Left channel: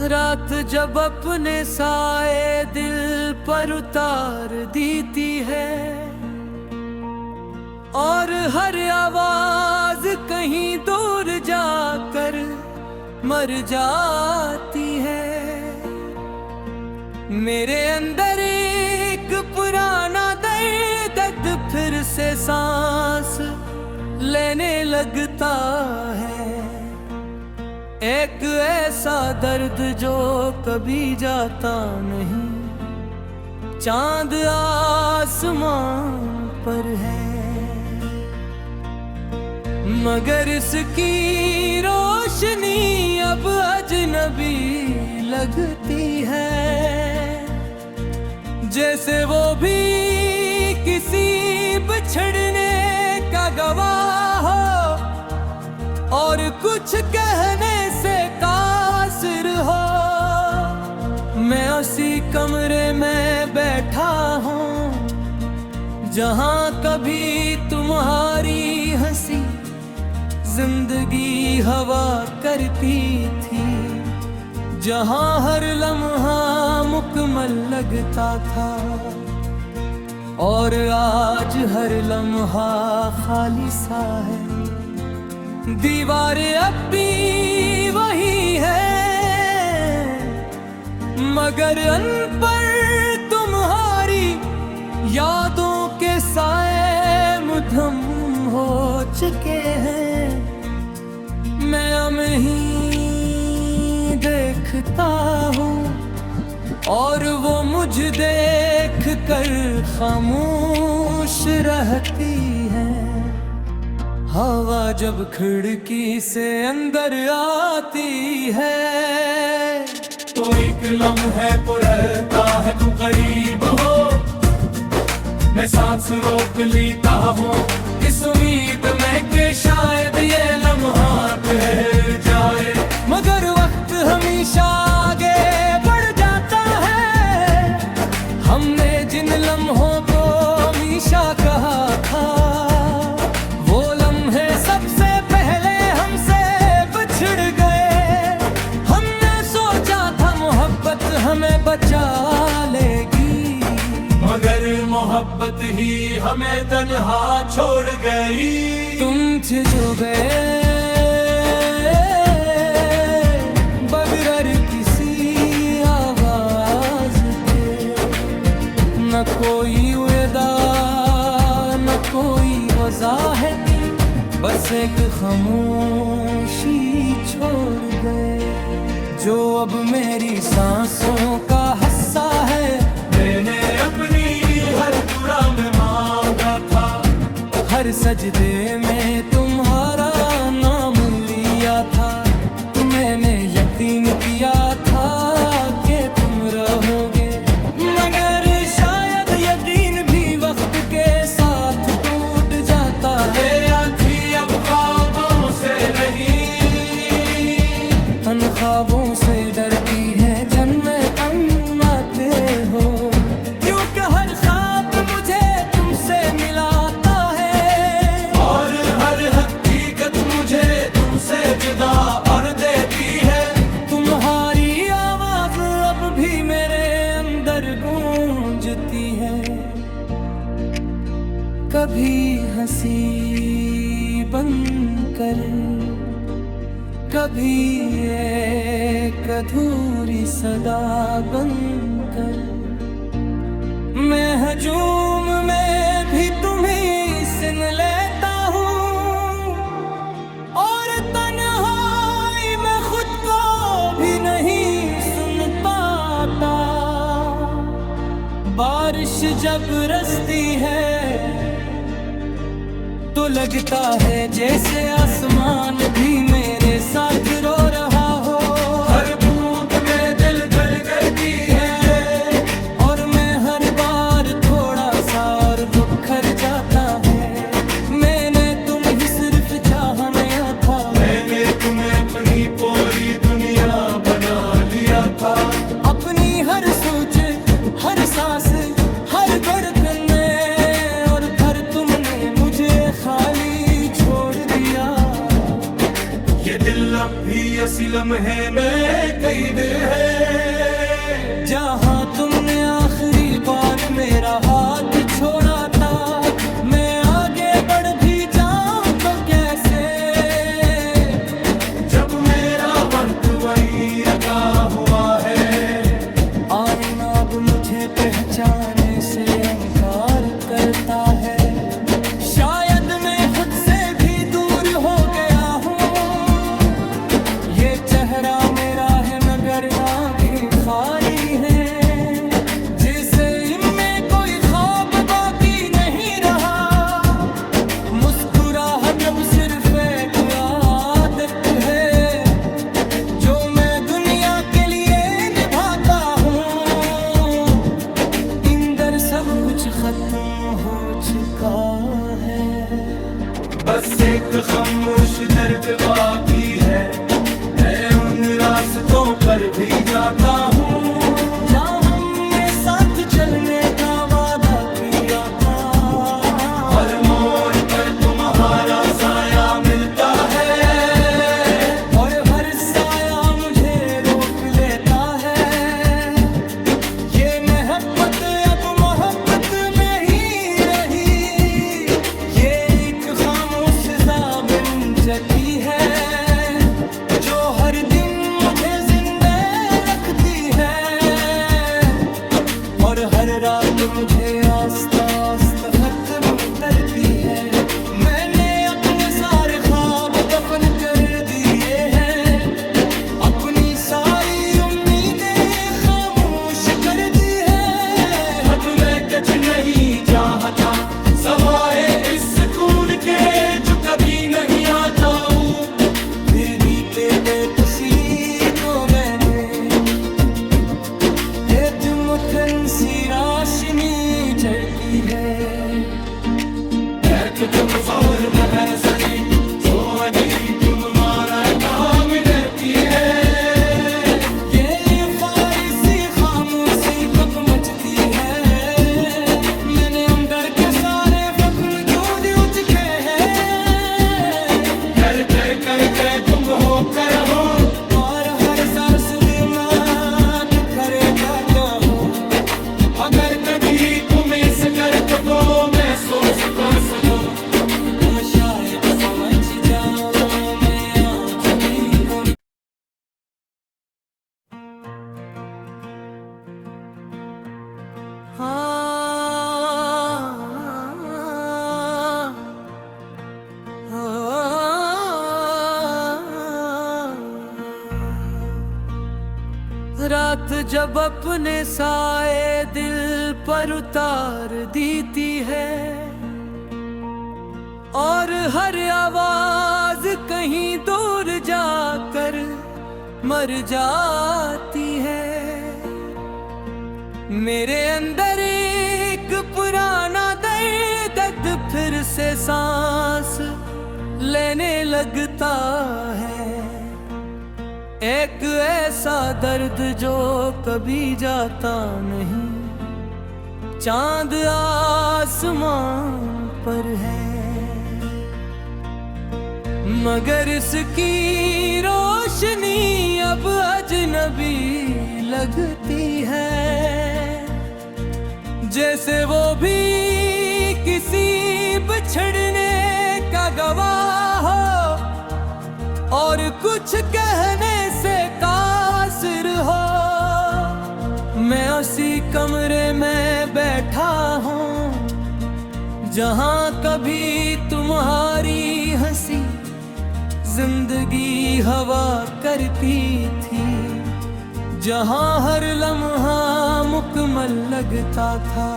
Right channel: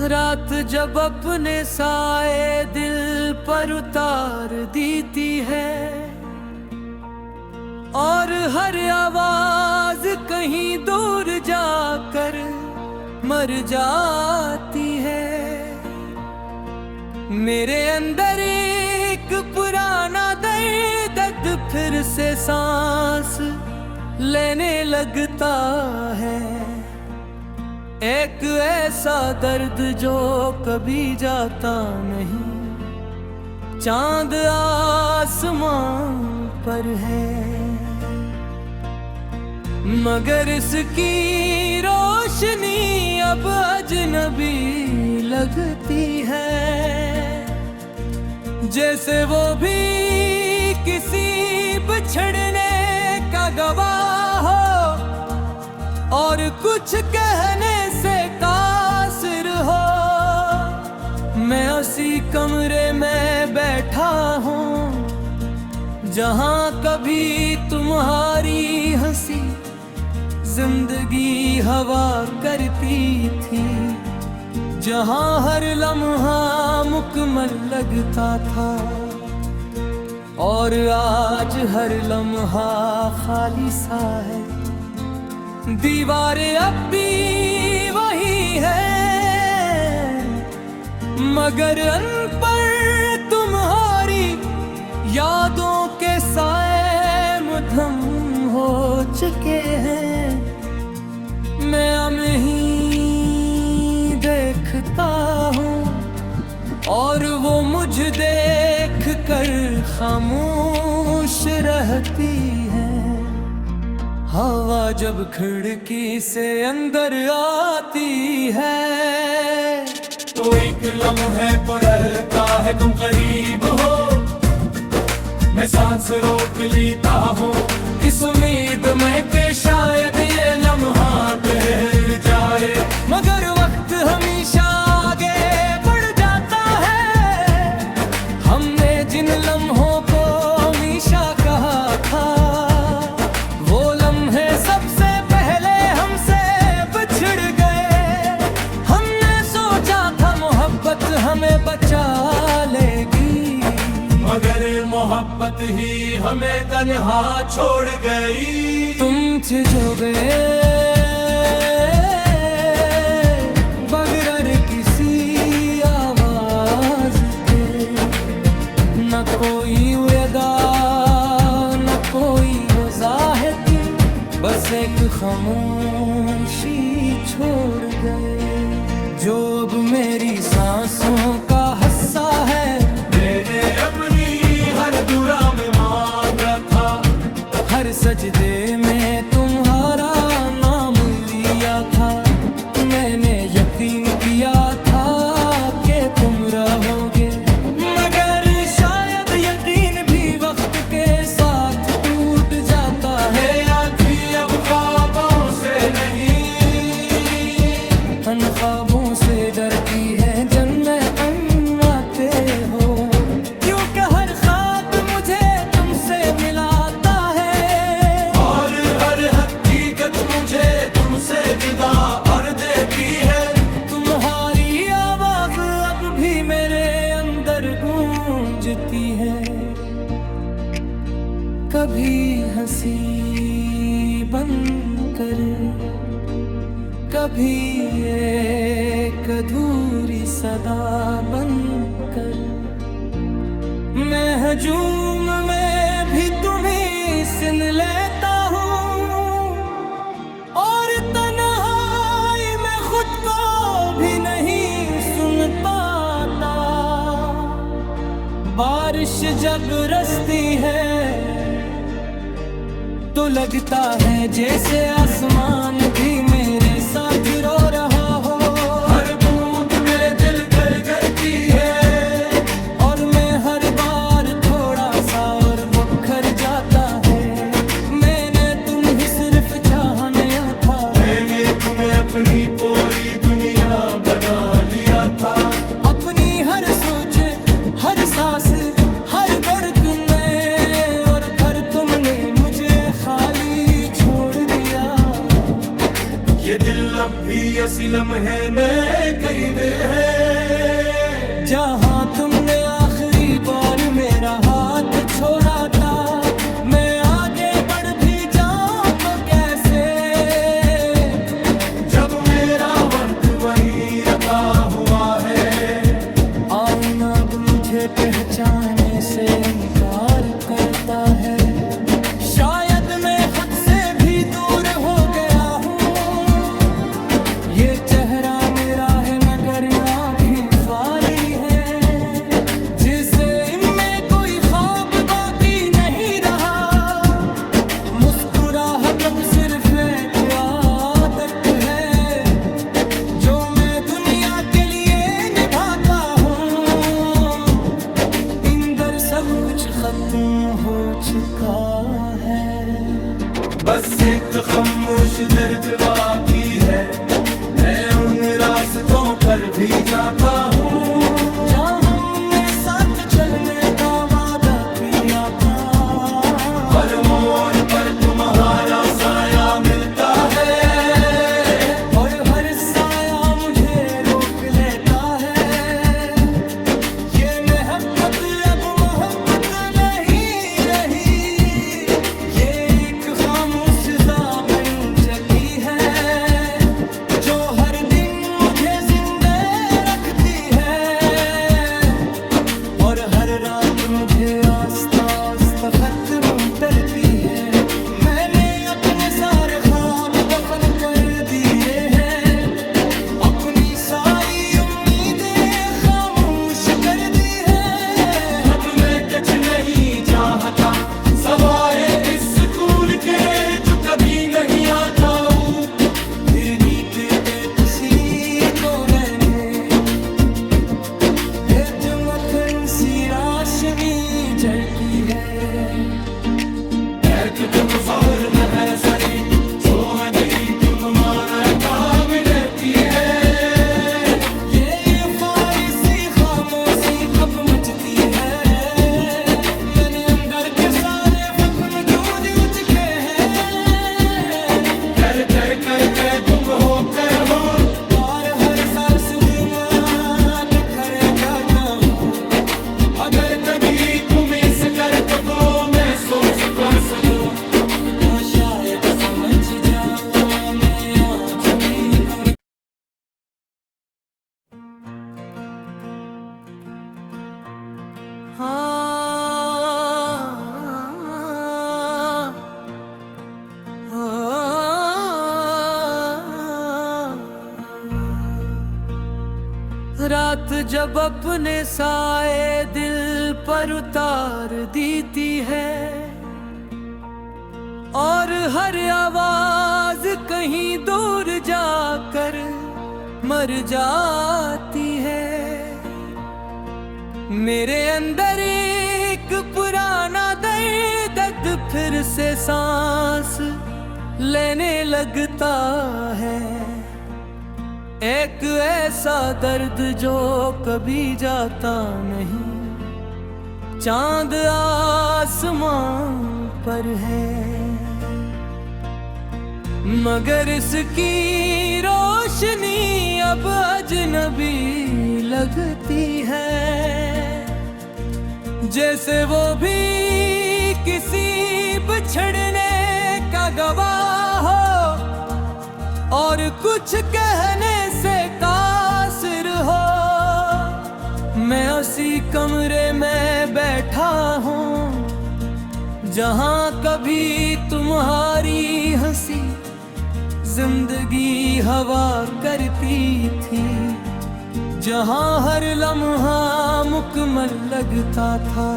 रात जब अपने साए दिल पर उतार देती है और हर आवाज कहीं दूर जाकर मर जाती है। मेरे अंदर एक पुराना दर्द फिर से सांस लेने लगता है। एक ऐसा दर्द जो कभी जाता नहीं, चांद आसमान पर है, मगर इसकी रोशनी अब अजनबी लगती है। जैसे वो भी किसी बिछड़ने का गवाह हो और कुछ कहने से कासिर हो। मैं उसी कमरे में बैठा हूँ जहाँ कभी तुम्हारी हंसी जिंदगी हवा करती थी, जहाँ हर लम्हा मुकम्मल लगता था और आज हर लम्हा खाली सा है। दीवारें अब भी वही है, मगर अन पर तुम्हारी यादों के साए मुधम हो चुके हैं। मैं अब ही देखता हूँ और वो मुझे देख कर खामोश रहती है। हवा जब खिड़की से अंदर आती है तो एक लम्हे पर रहता है तुम करीब हो। मैं सांस रोक लेता हूँ इस उम्मीद में कि शायद ये लम्हा ठहर जाए, मगर वक्त हमेशा आगे बढ़ जाता है। हमने जिन लम्हों को हमेशा कहा था, वो लम्हे सबसे पहले हमसे बिछड़ गए। हमने सोचा था मोहब्बत हमें बचा लेगी, मगर मोहब्बत ही हमें तन्हा छोड़ गई। तुम जो गए बगैर किसी आवाज के, न कोई अदा न कोई वजाहत, बस एक खामोशी छोड़ गए जो अब मेरी सांसों का हिस्सा है। मैंने अपनी हर दुआ में मांगा था, हर सजदे में तुम्हारा नाम लिया था। मैंने यकीन किया था कि तुम रहोगे, मगर शायद यकीन भी वक्त के साथ टूट जाता है। आँखें अब ख्वाबों से नहीं, अन ख्वाबों से डरती है जन्म हम आते हो, क्योंकि हर ख्वाब मुझे तुमसे मिलाता है और हर हकीकत मुझे तुमसे जुदा और देती है। तुम्हारी आवाज अब भी मेरे अंदर गूंजती है। कभी हंसी बनकर, कभी एक अधूरी सदा बनकर, मैं हजूम में भी तुम्हें सुन लेता हूँ और तन्हाई में खुद को भी नहीं सुन पाता। बारिश जब बरसती है तो लगता है जैसे आसमान भी मेरे साथ रो रहा हो। हर बूंद में दिल गलगलती है और मैं हर बार थोड़ा सा और बुखर जाता है। मैंने तुम्हें सिर्फ चाहा नहीं था, मैंने तुम्हें अपनी पूरी दुनिया बना लिया था। अपनी हर सोच हर सांस धड़कने और फिर तुमने मुझे खाली छोड़ दिया। ये दिल अब भी ऐसी लम्हे में कैद है। जहाँ तुमने आखिरी बार मेरा हाथ छोड़ा था, मैं आगे बढ़ भी जाऊं तो कैसे? जब मेरा वक्त वहीं रखा हुआ है। आईना अब मुझे पहचाने से इनकार करता है। शायद मैं खुद से भी दूर हो गया हूँ। ये चेहरा मेरा है मगर आँखें खाली हैं। जिसे इनमें कोई ख्वाब बाकी नहीं रहा। मुस्कुराहट अब सिर्फ एक आदत है जो मैं दुनिया के लिए निभाता हूँ। इंदर सब कुछ खत्म हो चुका है। बस एक खामोश दर्द बाकी है। मैं उन रास्तों पर भी जाता हूँ जहाँ हमने साथ चलने का वादा किया था। हर मोड़ पर तुम्हारा साया मिलता है। और हर साया मुझे रोक लेता है। ये मोहब्बत अब मोहब्बत नहीं रही। ये एक खामोश सा बन चुकी है जो हर दिन मुझे जिंदा रखती है। और हर रात मुझे आस्ता आस्ता खत्म करती है। मैंने अपने सारे ख्वाब दफन कर दिए हैं। अपनी सारी उम्मीदें खामोश कर दी है। अब मैं कुछ नहीं चाहता सवाए इस सुकून के जो कभी नहीं आता हूँ। फिर जीते थे खुशी को मैंने तुमकन सी राशनी झलकी है। तुम जोर नहर सजी जो अजली तुम्हारा काम करती है। ये फारिसी खामोशी कब मचती है। मैंने उमर के सारे फख्म क्यों दियो चुके हैं। कर कर कर कर तुम हो कर हो। और हर सरस दिमाग खरे जाता हो। अगर कभी तुम इस कर तो मैं सोचता सको तो शायद समझ जाओ मैं आज भी कौन। रात जब अपने साए दिल पर उतार देती है और हर आवाज कहीं दूर जाकर मर जाती है। मेरे अंदर एक पुराना दर्द फिर से सांस लेने लगता है। एक ऐसा दर्द जो कभी जाता नहीं। चांद आसमान पर है मगर इसकी रोशनी अब अजनबी लगती है। जैसे वो भी किसी बिछड़ने का गवाह हो और कुछ कहने से कासिर हो। मैं उसी कमरे में बैठा हूँ जहाँ कभी तुम्हारी हंसी जिंदगी हवा करती थी। जहाँ हर लम्हा मुकम्मल लगता था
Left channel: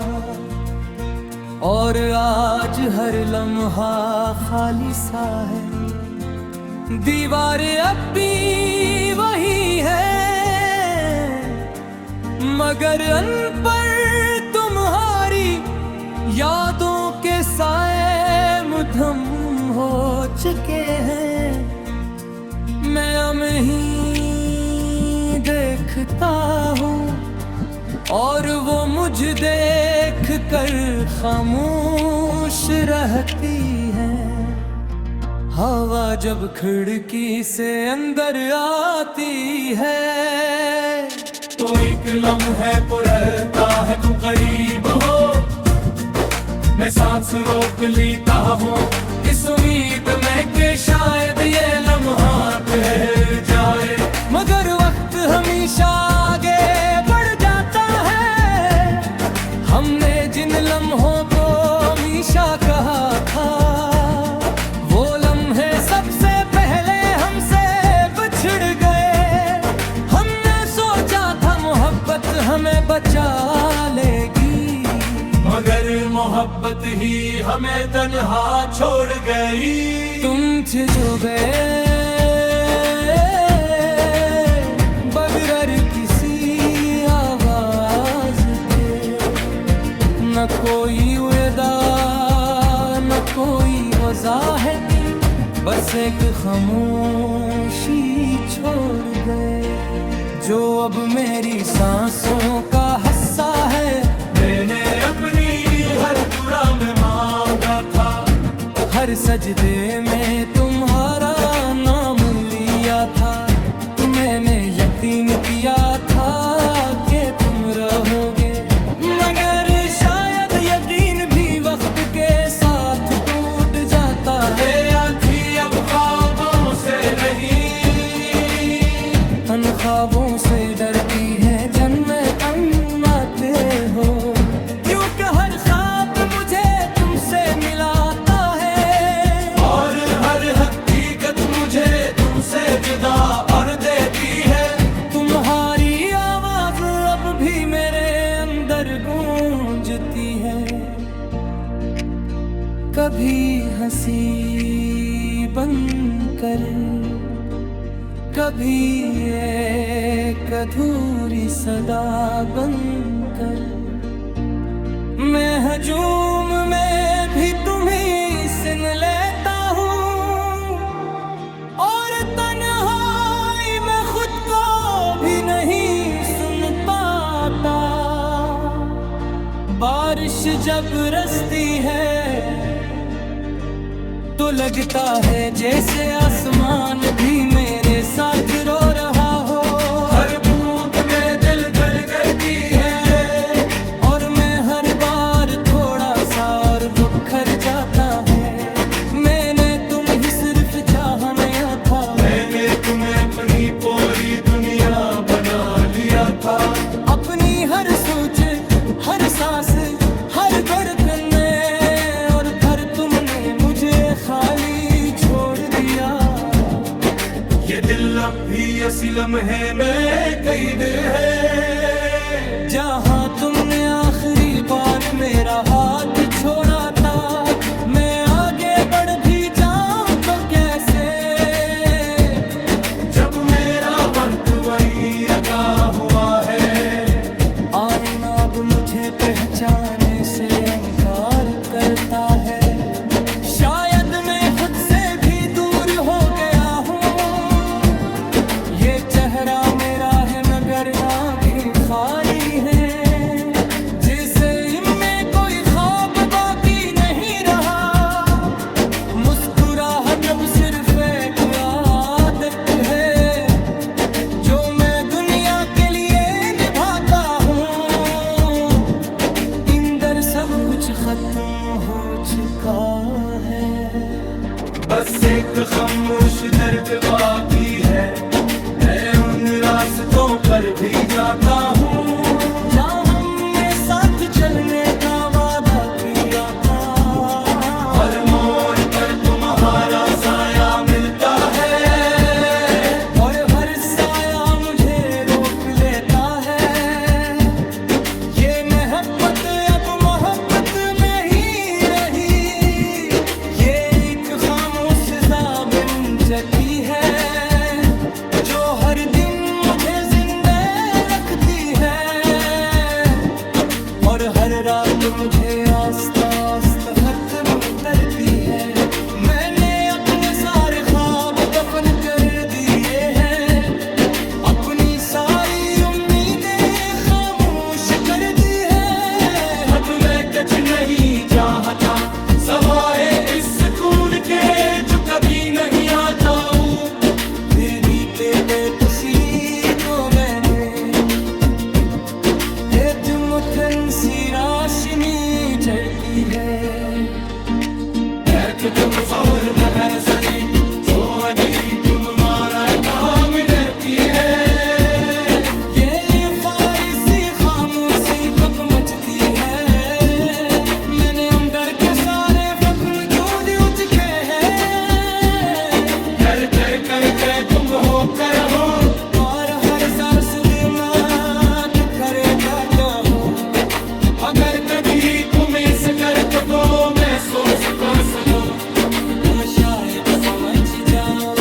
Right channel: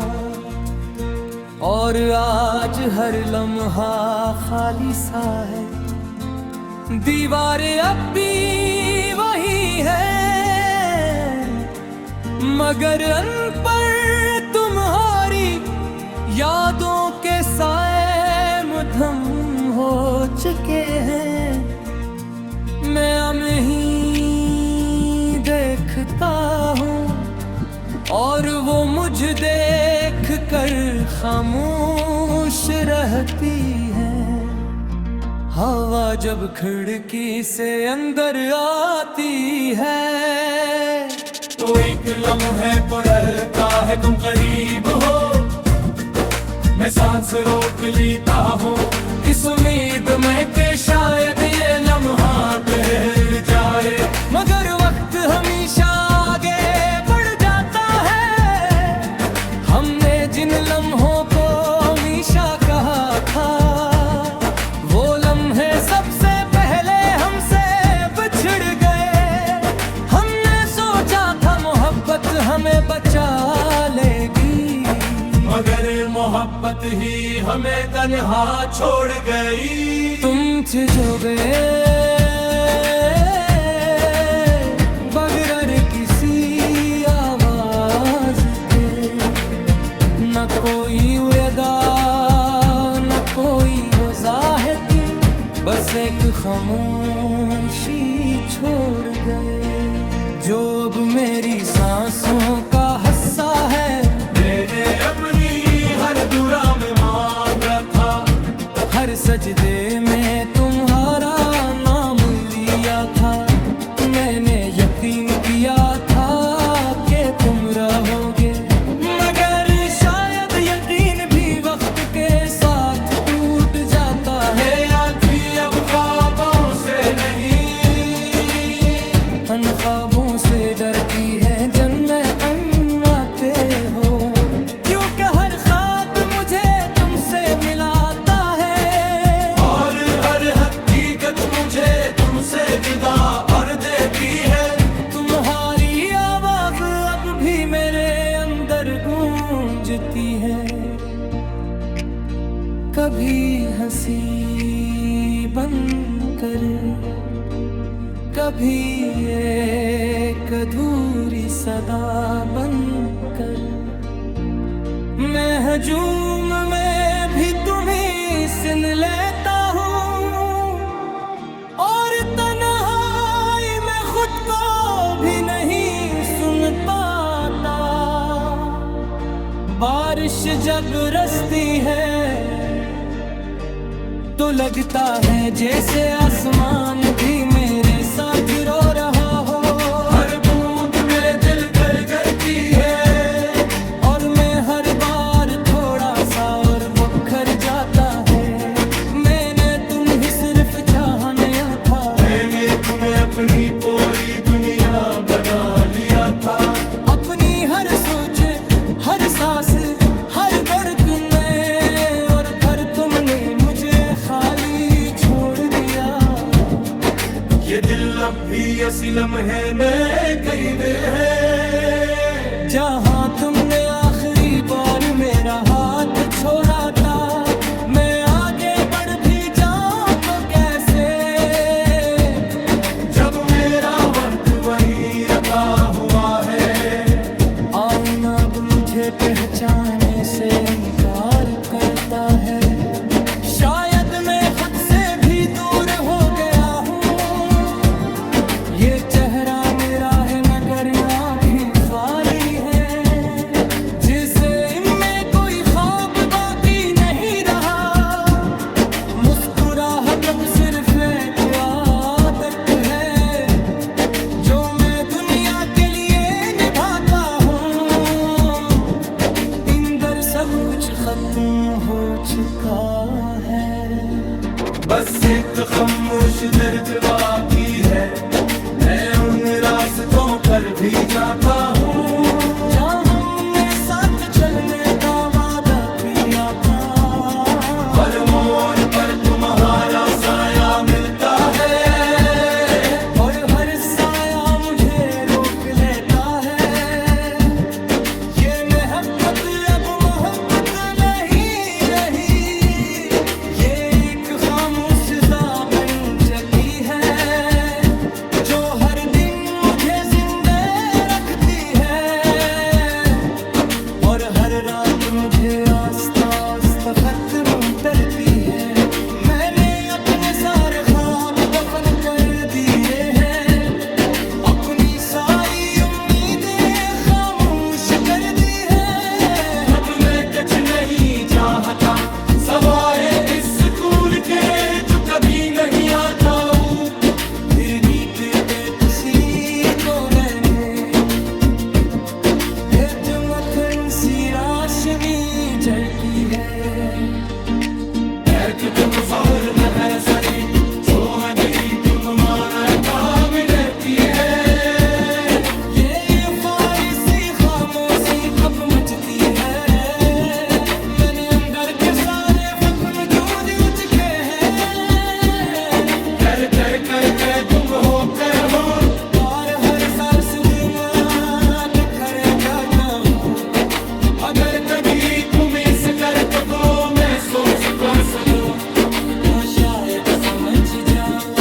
और आज हर लम्हा खाली सा है। दीवारें अब भी वही है मगर अन पर तुम्हारी यादों के साए मुधम हो चुके हैं। मैं हम ही देखता हूँ और वो मुझे देख कर खामोश रहती है। हवा जब खिड़की से अंदर आती है तो एक लम्हे पर रहता है तुम करीब हो, मैं सांस रोक लेता हूँ इस उम्मीद में कि शायद ये लम्हा ठहर जाए। मगर वक्त हमेशा आगे बढ़ जाता है। हमने जिन लम्हों को हमेशा कहा था, वो लम्हे सबसे पहले हमसे बिछड़ गए। हमने सोचा था मोहब्बत हमें बचा लेगी, मगर मोहब्बत ही हमें तन्हा छोड़ गई। तुम जो गए बगैर किसी आवाज के, न कोई अदा न कोई वजाहत, बस एक खामोशी छोड़ गए। जो अब मेरी सांसों का हिस्सा है, मैंने अपनी हर दुआ में मांगा था, हर सजदे में तुम्हारा नाम लिया था। मैंने यकीन किया था कि तुम रहोगे, मगर शायद यकीन भी वक्त के साथ टूट जाता है। आँखें अब ख्वाबों से नहीं, अन ख्वाबों से डरती है जन्म आते हो, क्योंकि हर ख्वाब मुझे तुमसे मिलाता है, और हर हकीकत मुझे तुमसे जुदा और देती है। तुम्हारी आवाज अब भी मेरे अंदर गूंजती है। कभी हंसी बनकर, कभी एक अधूरी सदा बनकर, मैं हजूम में भी तुम्हीं सुन लेता हूँ, और तन्हाई में खुद को भी नहीं सुन पाता। बारिश जब बरसती है तो लगता है जैसे आसमान भी मेरे साथ रो रहा हो। हर बूंद में दिल गलगलती है, और मैं हर बार थोड़ा सा और बुखर जाता है। मैंने तुम्हें सिर्फ चाहा नहीं था, मैंने तुम्हें अपनी पूरी दुनिया बना लिया था। अपनी हर सोच, हर सांस, हर धड़कन में, और फिर तुमने मुझे खाली छोड़ दिया। ये दिल अब भी ऐसी लम्हे में कैद है, जहाँ तुमने आखिरी बार मेरा हाथ छोड़ा था। मैं आगे बढ़ भी जाऊं तो कैसे, जब मेरा वक्त वहीं रखा हुआ है। आईना अब मुझे पहचाने से इनकार करता है। शायद मैं खुद से भी दूर हो गया हूँ। ये चेहरा मेरा है मगर आँखें खाली हैं, जिसे इनमें कोई ख्वाब बाकी नहीं रहा। मुस्कुराहट अब सिर्फ एक आदत है, जो मैं दुनिया के लिए निभाता हूँ। इंदर सब कुछ खत्म हो चुका है, बस एक खामोश दर्द बाकी है। मैं उन रास्तों पर भी जाता हूँ, जहाँ हमने साथ चलने का वादा किया था। हर मोड़ पर तुम्हारा साया मिलता है, और हर साया मुझे रोक लेता है। ये मोहब्बत अब मोहब्बत नहीं रही, ये एक खामोश सा बन चुकी है, जो हर दिन मुझे जिंदा रखती है। और हर रात मुझे आस्ता आस्ता खत्म करती है। मैंने अपने सारे ख्वाब दफन कर दिए हैं, अपनी सारी उम्मीदें खामोश पीते तुसी को देने तुमकन सी राशनी जलती है कमजोर महर सजी जो अजली तुम हमारा काम करती है ये फारिसी खामोशी कब मचती है मैंने उमर के सारे फख्म क्यों दियो चुके हैं कर कर कर कर तुम हो कर हो और हर सरसद में बिखरे जाता हो अगर कभी तुम इस कर्ज को मैं सोच का सको तो शायद समझ जाओ